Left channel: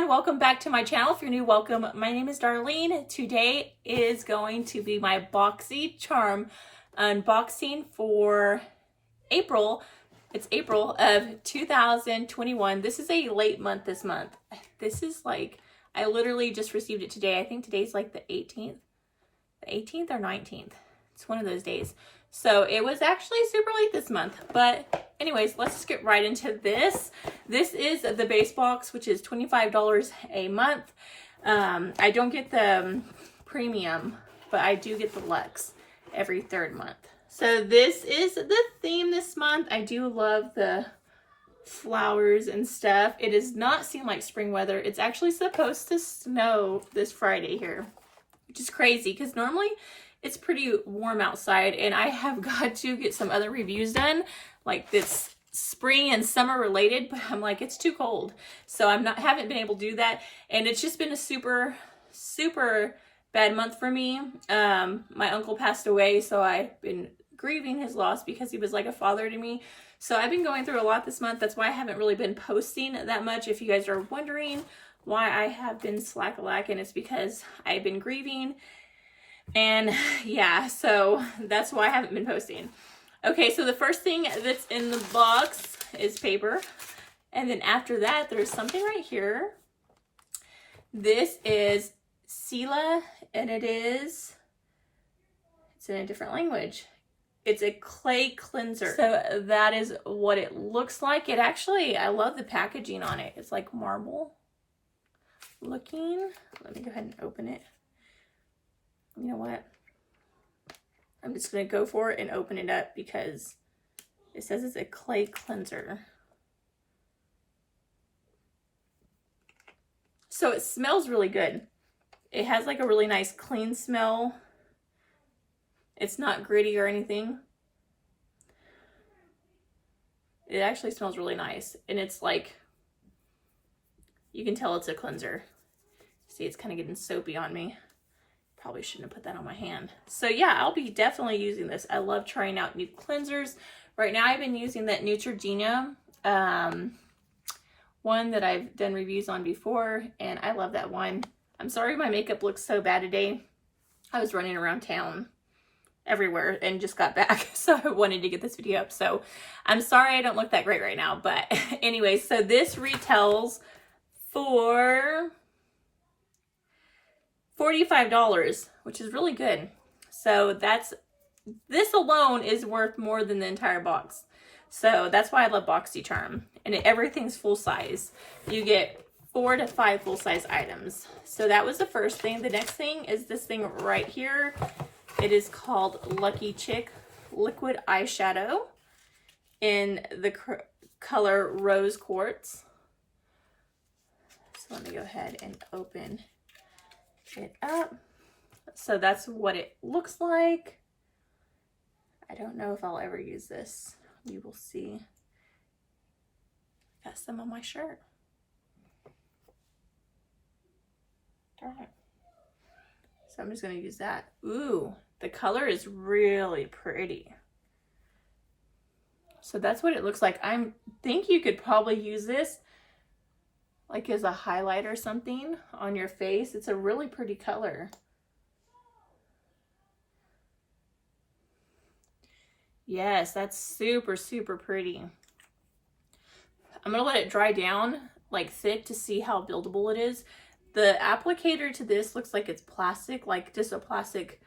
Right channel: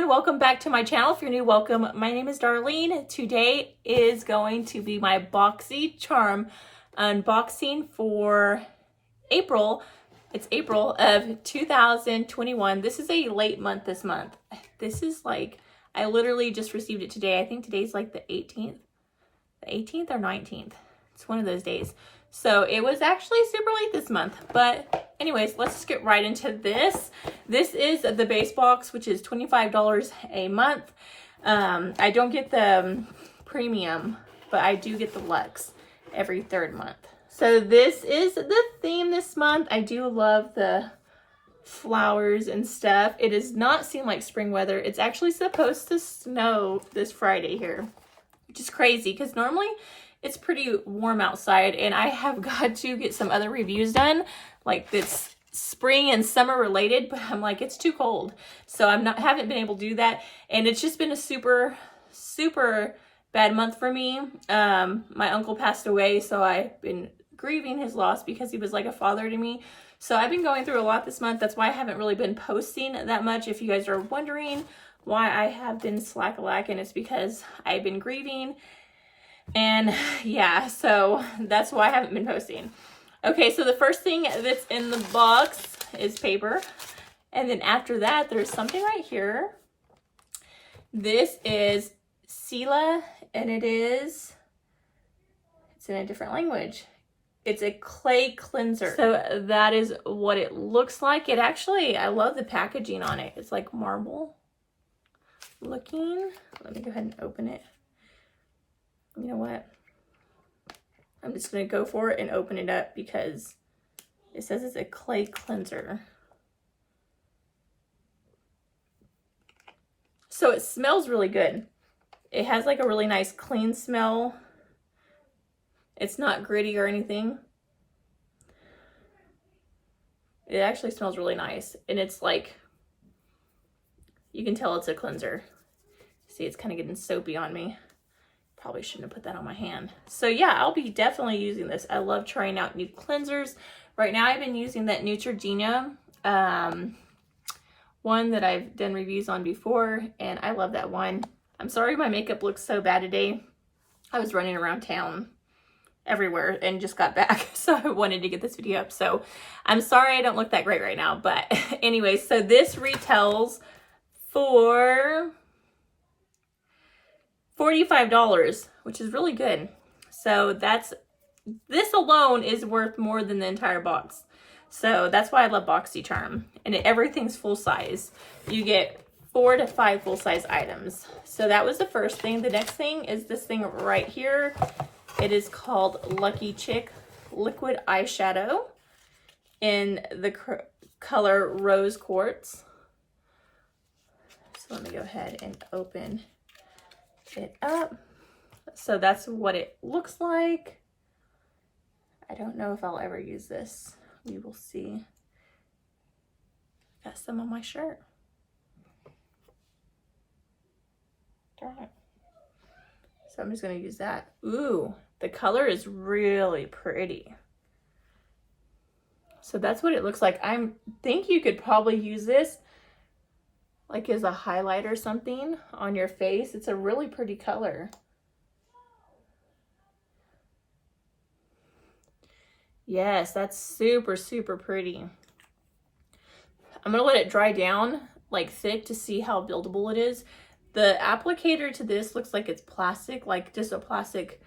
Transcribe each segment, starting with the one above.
everyone, welcome back to my channel. If you're new, welcome. My name is Darlene. Today is going to be my BoxyCharm unboxing for April. It's April of 2021. This is a late month this month. This is like, I literally just received it today. I think today's like the 18th. The 18th or 19th. It's one of those days. So it was actually super late this month, but anyways, let's just get right into this. This is the base box, which is $25 a month. I don't get the premium, but I do get the luxe every third month. So this is the theme this month. I do love the flowers and stuff. It does not seem like spring weather. It's actually supposed to snow this Friday here, which is crazy because normally it's pretty warm outside, and I have got to get some other reviews done, like this spring and summer related, but I'm like, it's too cold. So haven't been able to do that. And it's just been a super bad month for me. My uncle passed away, so I've been grieving his loss because he was like a father to me. So I've been going through a lot this month. That's why I haven't really been posting that much. If you guys are wondering why I have been slack-a-lacking, it's because I've been grieving. And yeah, so that's why I haven't been posting. Okay, so the first thing that's in the box is paper. And then after that, there's something right here. This is Sela, and it's in a different language. It's a clay cleanser. So that is what it looks like. It actually, I love the packaging on it. It's like marble looking. Let me go ahead and open it. You know what? I'm just going to go for it and open it up because it says it's a clay cleanser. So it smells really good. It has like a really nice clean smell. It's not gritty or anything. It actually smells really nice. And it's like, you can tell it's a cleanser. See, it's kind of getting soapy on me. Probably shouldn't have put that on my hand. So yeah, I'll be definitely using this. I love trying out new cleansers. Right now I've been using that Neutrogena one that I've done reviews on before, and I love that one. I'm sorry my makeup looks so bad today. I was running around town everywhere and just got back, so I wanted to get this video up. So I'm sorry I don't look that great right now, but anyway, so this retails for $45, which is really good. So this alone is worth more than the entire box. So that's why I love BoxyCharm. And everything's full size. You get 4 to 5 full-size items. So that was the first thing. The next thing is this thing right here. It is called Lucky Chick Liquid Eyeshadow in the color Rose Quartz. So let me go ahead and open it up. So that's what it looks like. I don't know if I'll ever use this. We will see. Got some on my shirt. Darn it. So I'm just going to use that. Ooh, the color is really pretty. So that's what it looks like. I think you could probably use this like as a highlight or something on your face. It's a really pretty color. Yes, that's super pretty. I'm gonna let it dry down like thick to see how buildable it is. The applicator to this looks like it's plastic, like just a plastic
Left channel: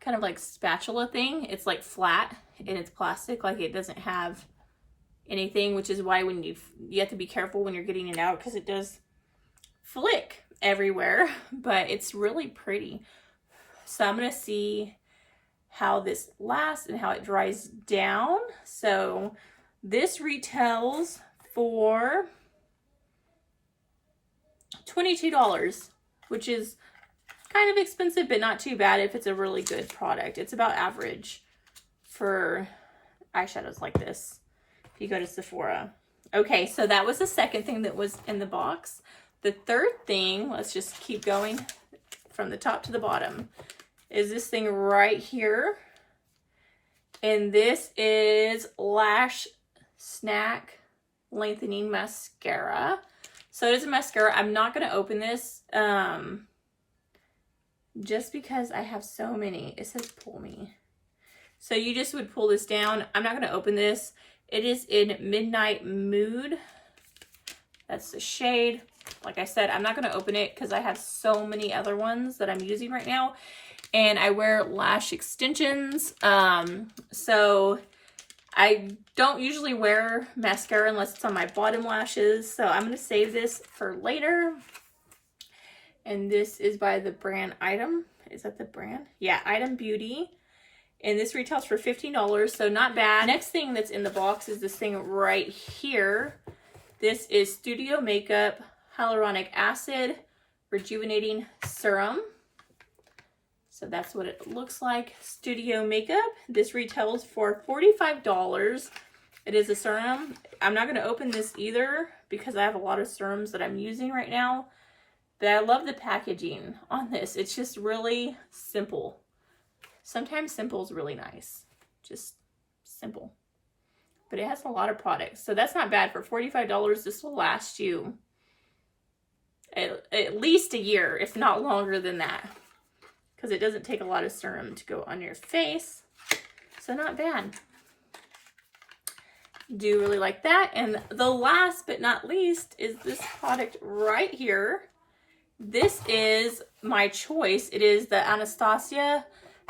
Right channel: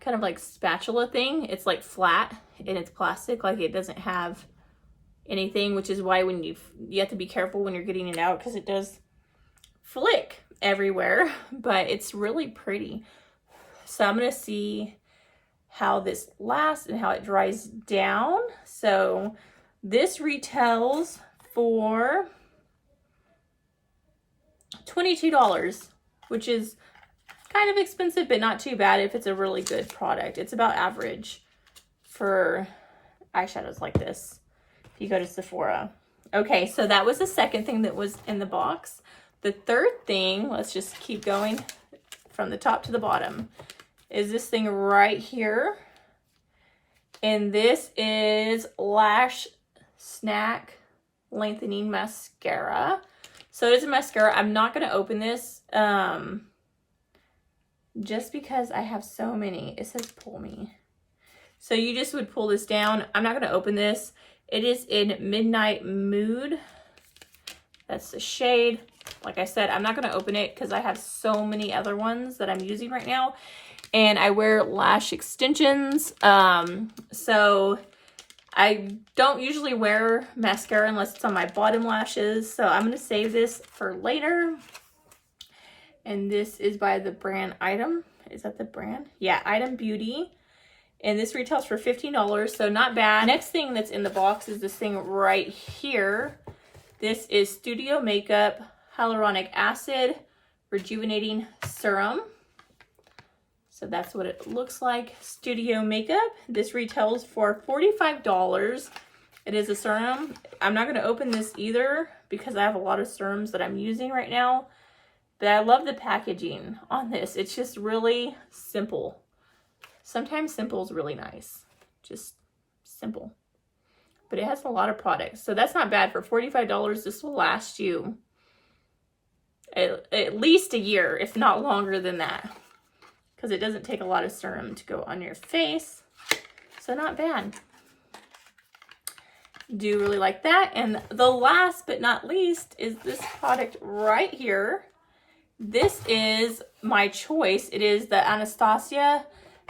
kind of like spatula thing. It's like flat and it's plastic, like it doesn't have anything, which is why when you have to be careful when you're getting it out because it does flick everywhere, but it's really pretty. So I'm gonna see how this lasts and how it dries down. So this retails for $22, which is kind of expensive, but not too bad if it's a really good product. It's about average for eyeshadows like this if you go to Sephora. Okay, so that was the second thing that was in the box. The third thing, let's just keep going from the top to the bottom, is this thing right here. And this is Lash Snack Lengthening Mascara. So it is a mascara. I'm not going to open this just because I have so many. It says pull me. So you just would pull this down. I'm not going to open this. It is in Midnight Mood. That's the shade. Like I said, I'm not going to open it because I have so many other ones that I'm using right now. And I wear lash extensions. So I don't usually wear mascara unless it's on my bottom lashes. So I'm going to save this for later. And this is by the brand Item. Is that the brand? Yeah, Item Beauty. And this retails for $15, so not bad. Next thing that's in the box is this thing right here. This is Studio Makeup Hyaluronic Acid Rejuvenating Serum. So that's what it looks like. Studio Makeup. This retails for $45. It is a serum. I'm not going to open this either because I have a lot of serums that I'm using right now. But I love the packaging on this. It's just really simple. Sometimes simple is really nice. Just simple. But it has a lot of products. So that's not bad. For $45, this will last you at least a year, if not longer than that. Because it doesn't take a lot of serum to go on your face. So not bad. Do really like that. And the last but not least is this product right here. This is my choice. It is the Anastasia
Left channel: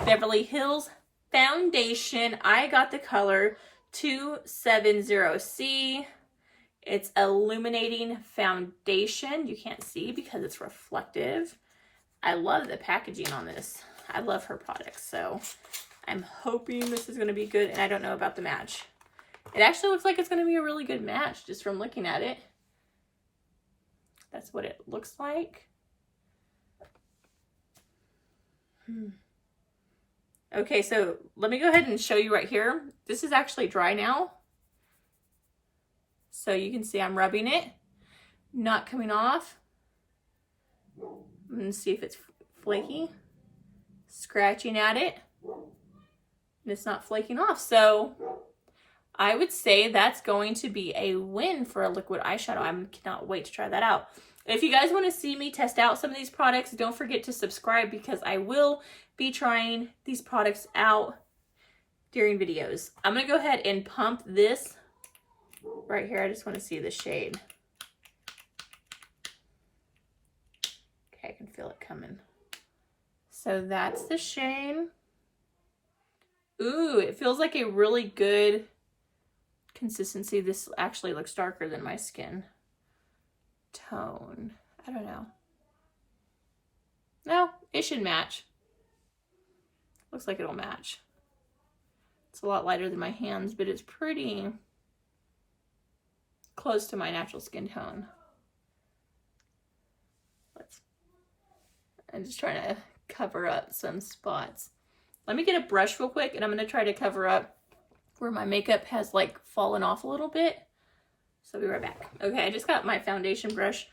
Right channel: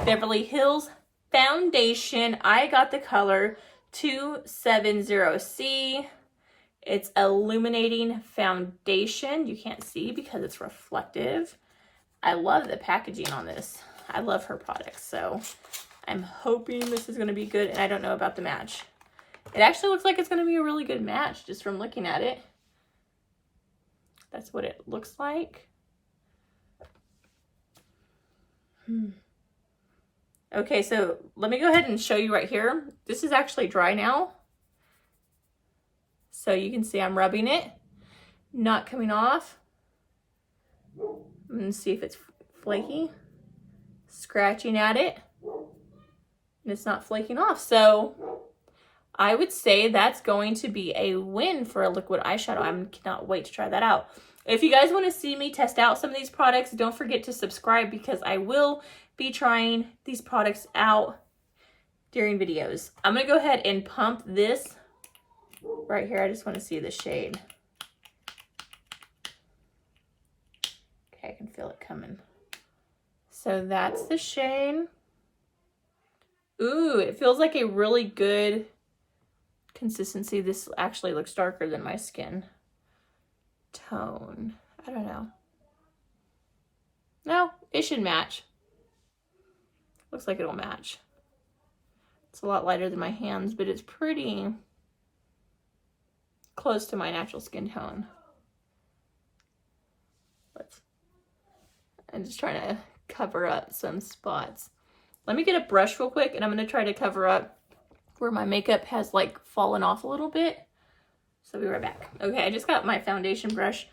Beverly Hills Foundation. I got the color 270C. It's Illuminating Foundation. You can't see because it's reflective. I love the packaging on this. I love her products. So I'm hoping this is going to be good. And I don't know about the match. It actually looks like it's going to be a really good match just from looking at it. That's what it looks like. Okay, so let me go ahead and show you right here. This is actually dry now. So you can see I'm rubbing it, not coming off. I'm going to see if it's flaky. Scratching at it, and it's not flaking off. So I would say that's going to be a win for a liquid eyeshadow. I cannot wait to try that out. If you guys want to see me test out some of these products, don't forget to subscribe because I will be trying these products out during videos. I'm going to go ahead and pump this right here. I just want to see the shade. Okay, I can feel it coming. So that's the shade. Ooh, it feels like a really good consistency. This actually looks darker than my skin tone. I don't know. No, it should match. Looks like it'll match. It's a lot lighter than my hands, but it's pretty close to my natural skin tone. I'm just trying to cover up some spots. Let me get a brush real quick, and I'm going to try to cover up where my makeup has like fallen off a little bit. So I'll be right back. Okay, I just got my foundation brush.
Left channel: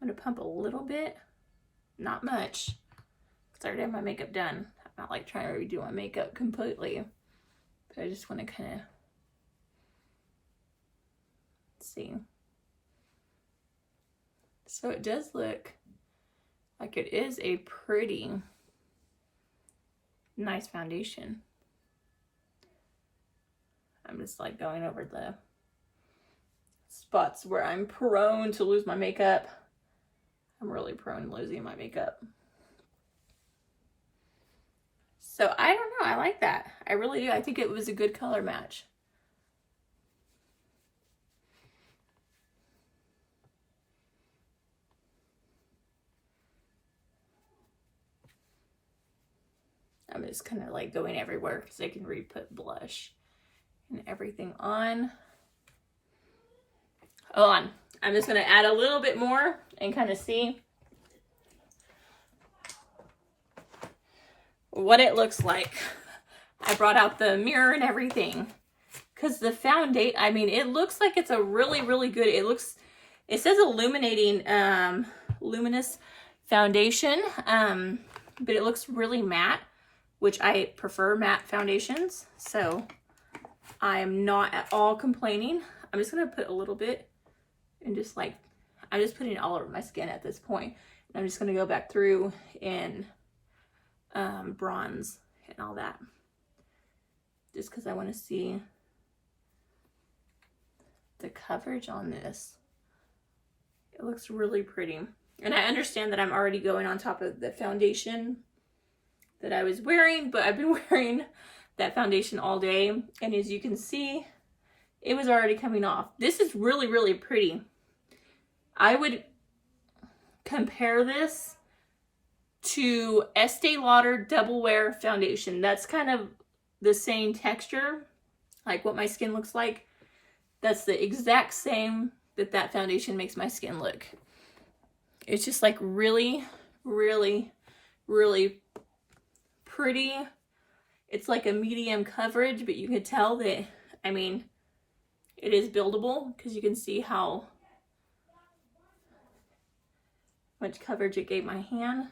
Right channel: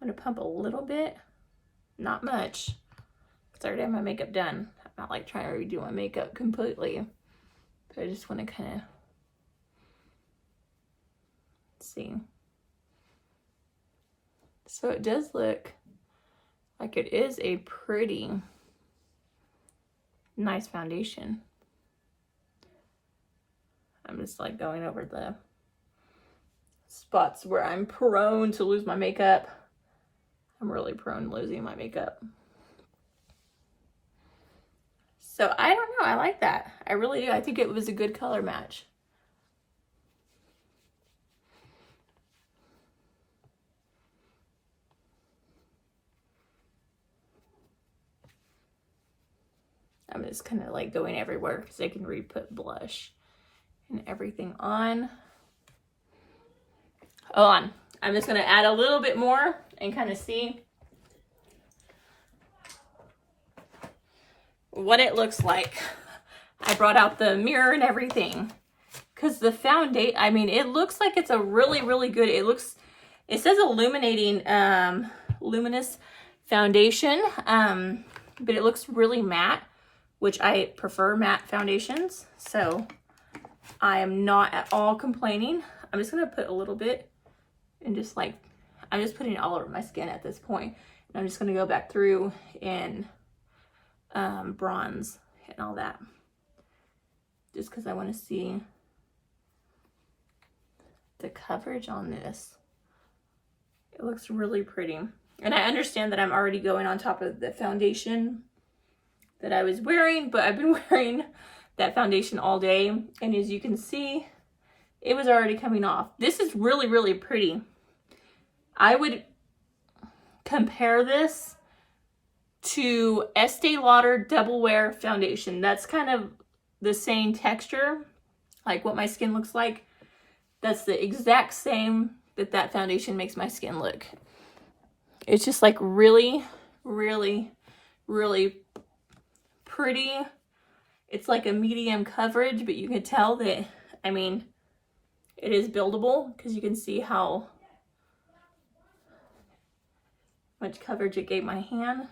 I'm going to pump a little bit. Not much, because I already have my makeup done. I'm not like trying to redo my makeup completely. But I just want to kind of see. So it does look like it is a pretty nice foundation. I'm just like going over the spots where I'm prone to lose my makeup. I'm really prone to losing my makeup. So I don't know, I like that. I really do. I think it was a good color match. I'm just kind of like going everywhere because I can re-put blush and everything on. Hold on. I'm just going to add a little bit more and kind of see what it looks like. I brought out the mirror and everything because the foundation, I mean, it looks like it's a really, really good, it says Illuminating, Luminous Foundation, but it looks really matte, which I prefer matte foundations. So I am not at all complaining. I'm just going to put a little bit and just like, I'm just putting it all over my skin at this point. And I'm just going to go back through and bronze and all that. Just because I want to see the coverage on this. It looks really pretty. And I understand that I'm already going on top of the foundation that I was wearing, but I've been wearing that foundation all day. And as you can see, it was already coming off. This is really, really pretty. I would compare this to Estee Lauder Double Wear Foundation. That's kind of the same texture, like what my skin looks like. That's the exact same that foundation makes my skin look. It's just like really, really, really pretty. It's like a medium coverage, but you can tell that, I mean, it is buildable because you can see how much coverage it gave my hand.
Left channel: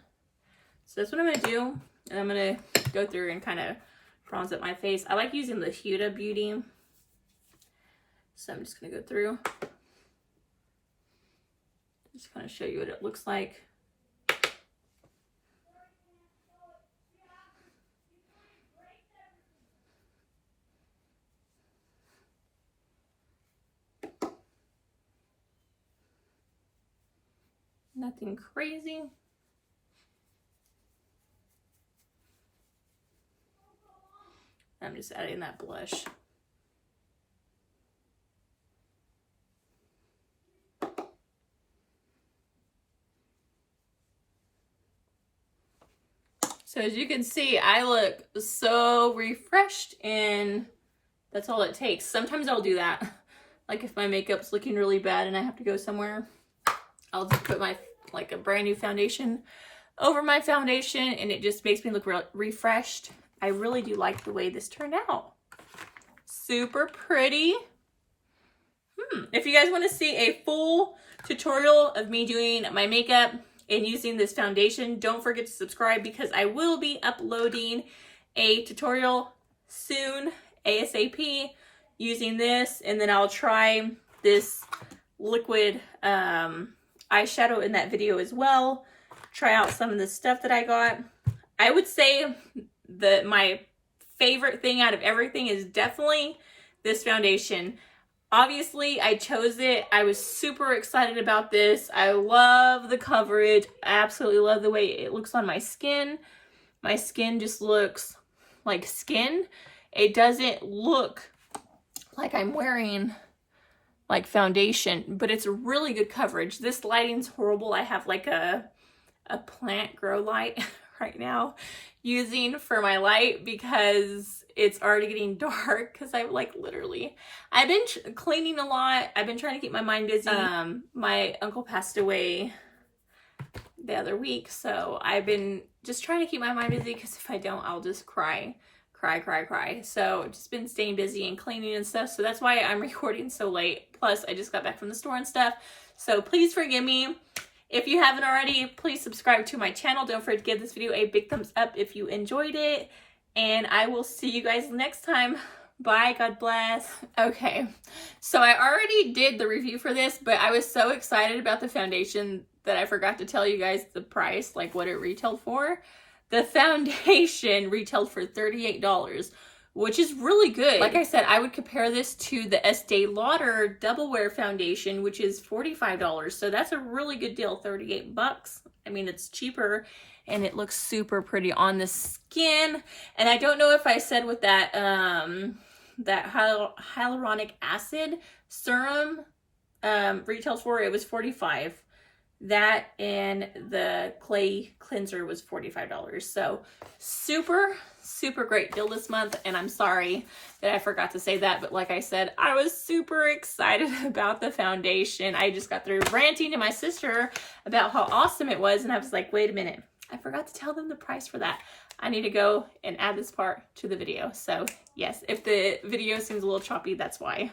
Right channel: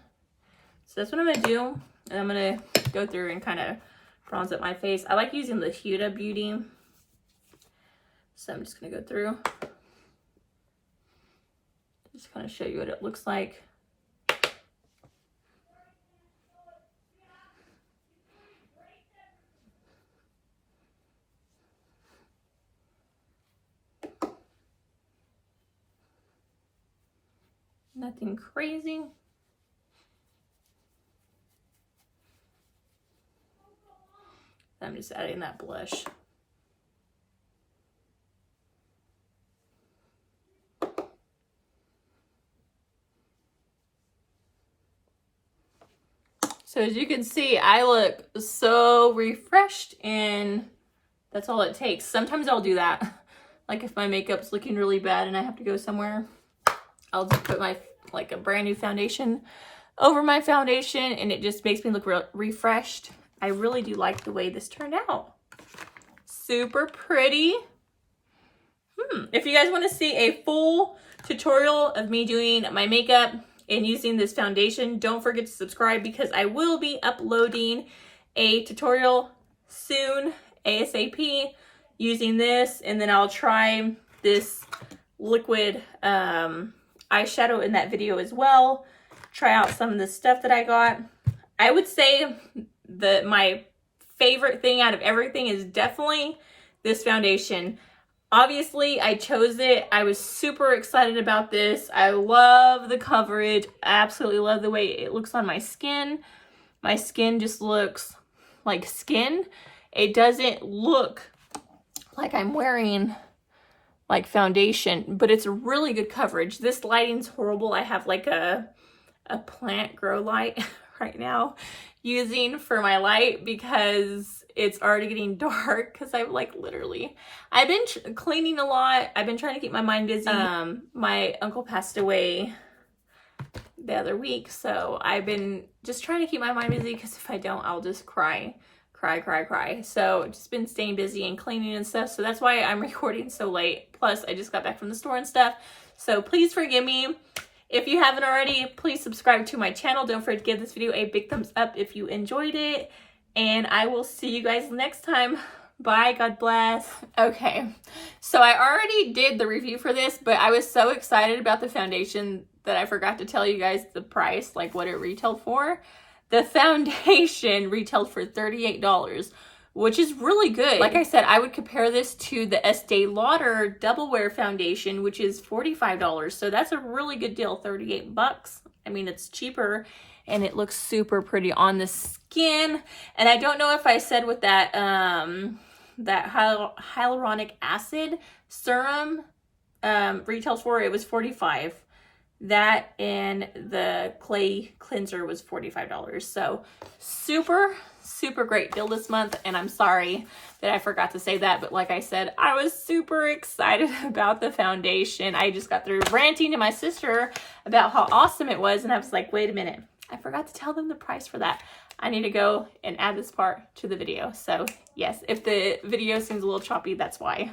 So that's what I'm going to do. And I'm going to go through and kind of bronze up my face. I like using the Huda Beauty. So I'm just going to go through. Just kind of show you what it looks like. Nothing crazy. I'm just adding that blush. So as you can see, I look so refreshed, and that's all it takes. Sometimes I'll do that. Like if my makeup's looking really bad and I have to go somewhere, I'll just put my, like a brand new foundation over my foundation, and it just makes me look refreshed. I really do like the way this turned out. Super pretty. If you guys want to see a full tutorial of me doing my makeup and using this foundation, don't forget to subscribe, because I will be uploading a tutorial soon, ASAP, using this. And then I'll try this liquid eyeshadow in that video as well. Try out some of the stuff that I got. I would say that my favorite thing out of everything is definitely this foundation. Obviously, I chose it. I was super excited about this. I love the coverage. I absolutely love the way it looks on my skin. My skin just looks like skin. It doesn't look like I'm wearing like foundation, but it's really good coverage. This lighting's horrible. I have like a plant grow light right now using for my light because it's already getting dark, because I've like literally, I've been cleaning a lot. I've been trying to keep my mind busy. My uncle passed away the other week, so I've been just trying to keep my mind busy, because if I don't, I'll just cry. So just been staying busy and cleaning and stuff. So that's why I'm recording so late. Plus I just got back from the store and stuff. So please forgive me. If you haven't already, please subscribe to my channel. Don't forget to give this video a big thumbs up if you enjoyed it. And I will see you guys next time. Bye, God bless. Okay, so I already did the review for this, but I was so excited about the foundation that I forgot to tell you guys the price, like what it retailed for. The foundation retailed for $38, which is really good. Like I said, I would compare this to the Estee Lauder Double Wear Foundation, which is $45. So that's a really good deal, 38 bucks. I mean, it's cheaper, and it looks super pretty on the skin. And I don't know if I said with that, that hyaluronic acid serum retails for, it was $45. That and the clay cleanser was $45. So super great deal this month. And I'm sorry that I forgot to say that, but like I said, I was super excited about the foundation. I just got through ranting to my sister about how awesome it was, and I was like, wait a minute, I forgot to tell them the price for that. I need to go and add this part to the video. So yes, if the video seems a little choppy, that's why.